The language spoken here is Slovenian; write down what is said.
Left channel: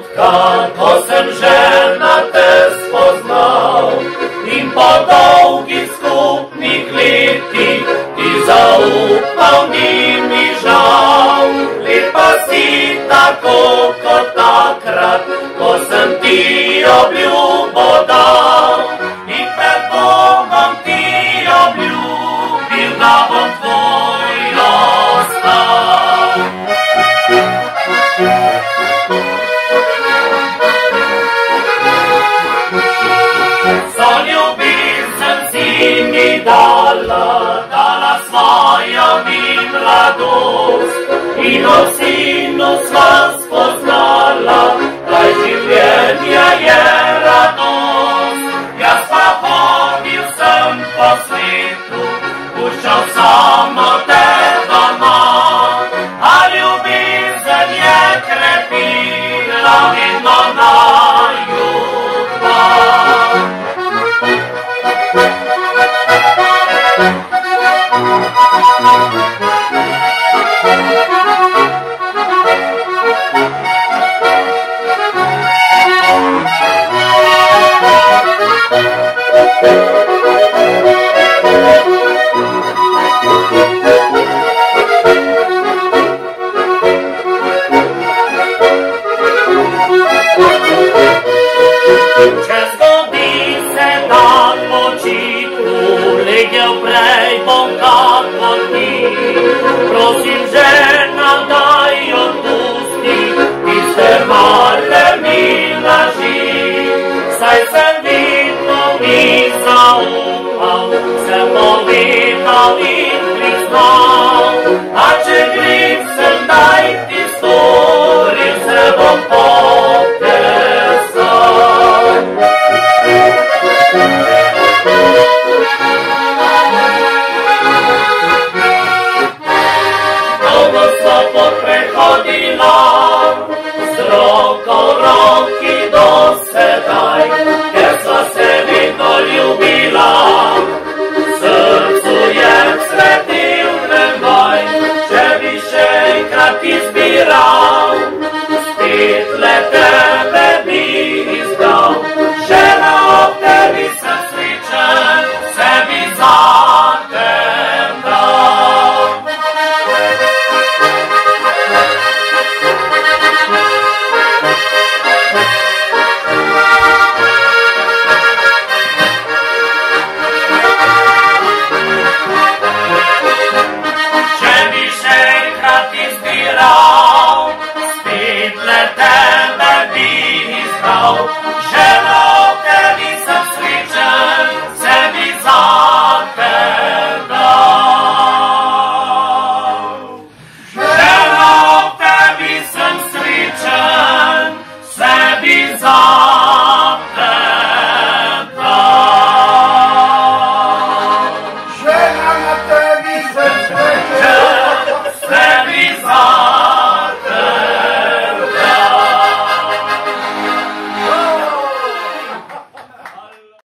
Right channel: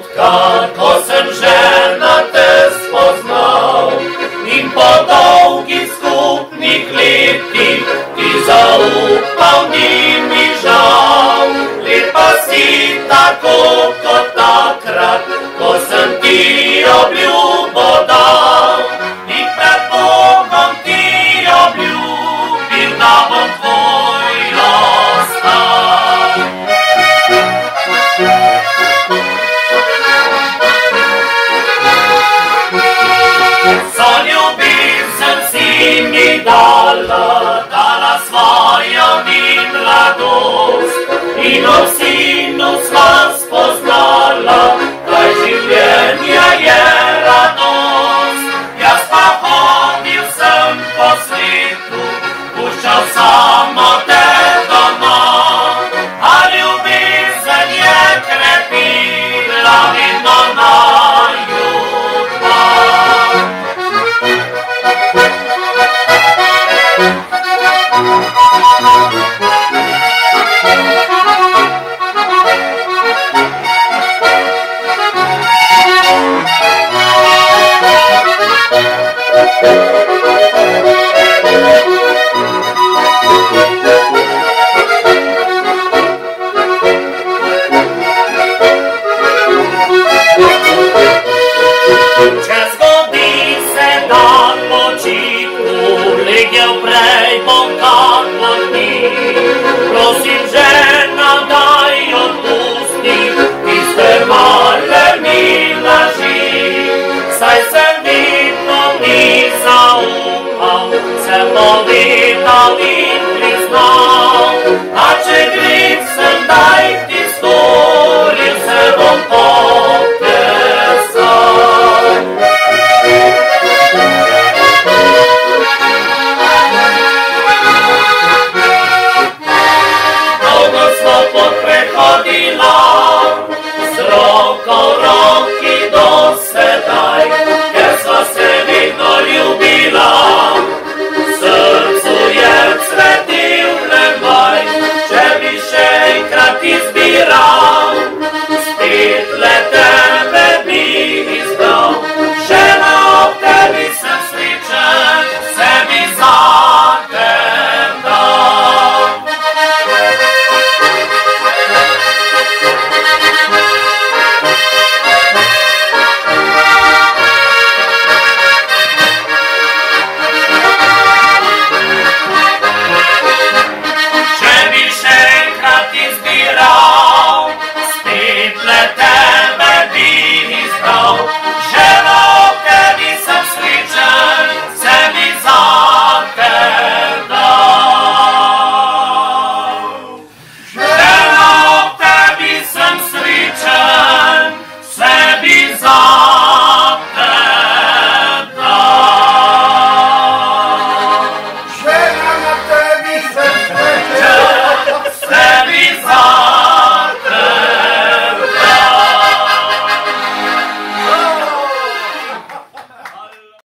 trenutka, ko sem žena te spoznal, in po dolgih skupnih letih ti zaupal, ni mi žal. Lepa si tako kot takrat, ko sem ti obljubo dal, in pred Bogom ti obljubil, da bom tvoj ostal. So ljubezen si mi dala svojo mi mladost, in ob sinu sva spoznala, kaj življenja je radost. Jaz pa hodil sem po svetu, puščal samo te doma, a ljubezen je krepila vedno naju dva. Če zgodi se dan počitku, legel prej bom kako ti. Prosim žena, daj odpusti tiste male mi laži, saj sem vidno ti zaupal, sem povedal in priznal, a če greh sem daj ti storil, se bom potesal. Dolgo smo pot prehodila, z roko v roki do sedaj, ker sva se vedno ljubila. Srcu je cvetil neboj, če bi še enkrat izbiral, spet le tebe bi izbral. Žena, ob tebi sem srečen, sebi zatem dal. Če bi še enkrat izbiral, spet le tebe bi izbral. Žena, ob tebi sem srečen, sebi zatem dal. Žena, ob tebi sem srečen, sebi zatem dal. Žena, na tebi sem srečen.